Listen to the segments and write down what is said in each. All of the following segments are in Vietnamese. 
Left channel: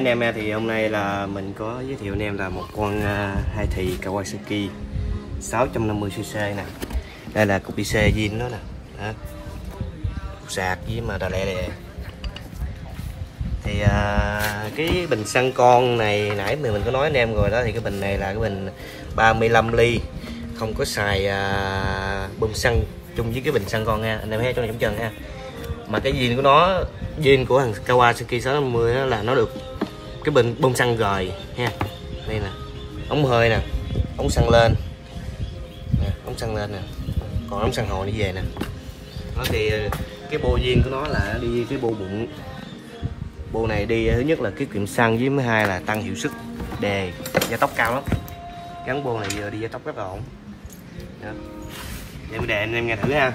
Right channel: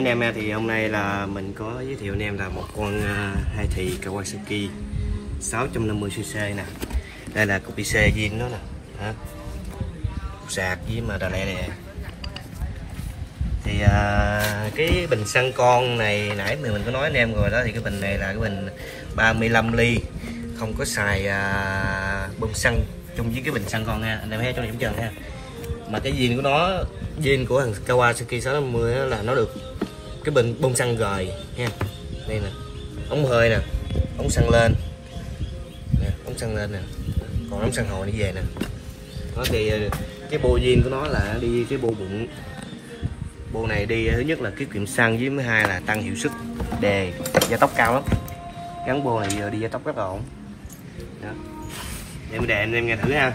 mấy anh em nha, thì hôm nay là mình có giới thiệu anh em là một con 2 thì Kawasaki 650cc nè. Đây là cục IC viên nó nè, cục sạc với mà đà lẹ đè. Thì cái bình xăng con này nãy mình có nói anh em rồi đó, thì cái bình này là cái bình 35 ly, không có xài bơm xăng chung với cái bình xăng con nha anh em thấy trong điểm trần nha. Mà cái viên của nó, viên của thằng Kawasaki 650 đó là nó được cái bình bơm xăng rời nha. Đây nè, ống hơi nè, ống xăng lên nè, ống xăng lên nè, còn ống xăng hồi đi về nè. Đó thì cái bô viên của nó là đi cái bô bụng. Bô này đi thứ nhất là tiết kiệm xăng, với thứ hai là tăng hiệu suất đề gia tốc cao lắm. Gắn bô này giờ đi gia tốc rất là ổn. Đó. Để mình đề anh em nghe thử ha.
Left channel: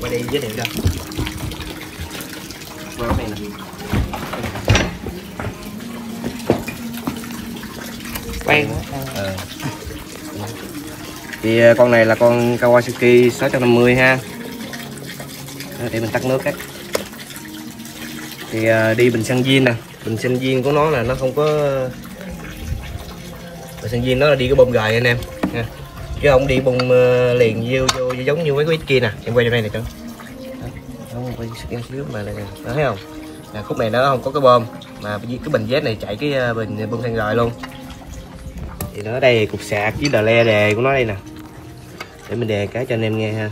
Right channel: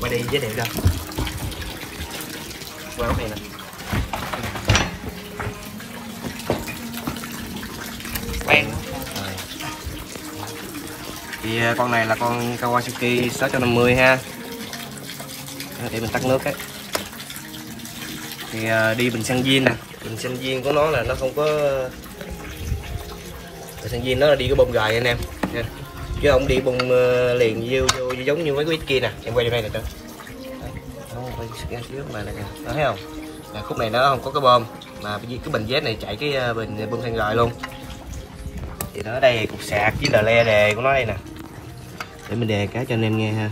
Quay đi giới thiệu cho. Qua cái này nè. Đây. Thì con này là con Kawasaki 650 ha. Để mình tắt nước cái. Thì đi bình xăng viên nè, bình xăng viên của nó là nó không có, bình xăng viên nó là đi cái bơm gời anh em nha, chứ không đi bơm liền vô giống như mấy cái kia nè. Em quay đây nè coi, đó thấy không? Là khúc này nó không có cái bơm, mà cái bình Z này chạy cái bình bơm xăng gời luôn. Thì nó ở đây cục sạc với đờ le đề của nó đây nè, để mình đề cái cho anh em nghe ha.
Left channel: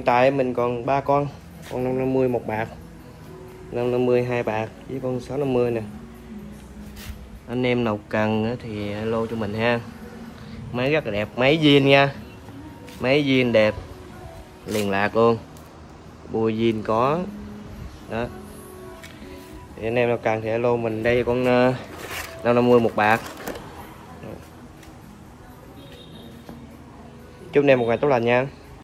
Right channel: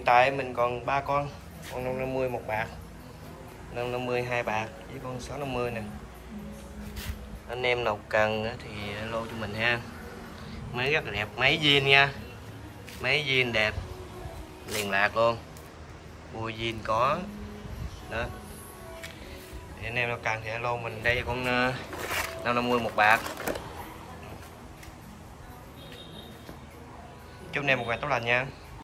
hiện tại mình còn 3 con 550 một bạc, 550 2 bạc với con 650 nè. Anh em nào cần nữa thì alo cho mình ha. Máy rất là đẹp, máy zin nha, máy zin đẹp liền lạc luôn, bùi zin có đó. Thì anh em nào cần thì alo mình. Đây con 550 một bạc. Chúc anh em một ngày tốt lành nha.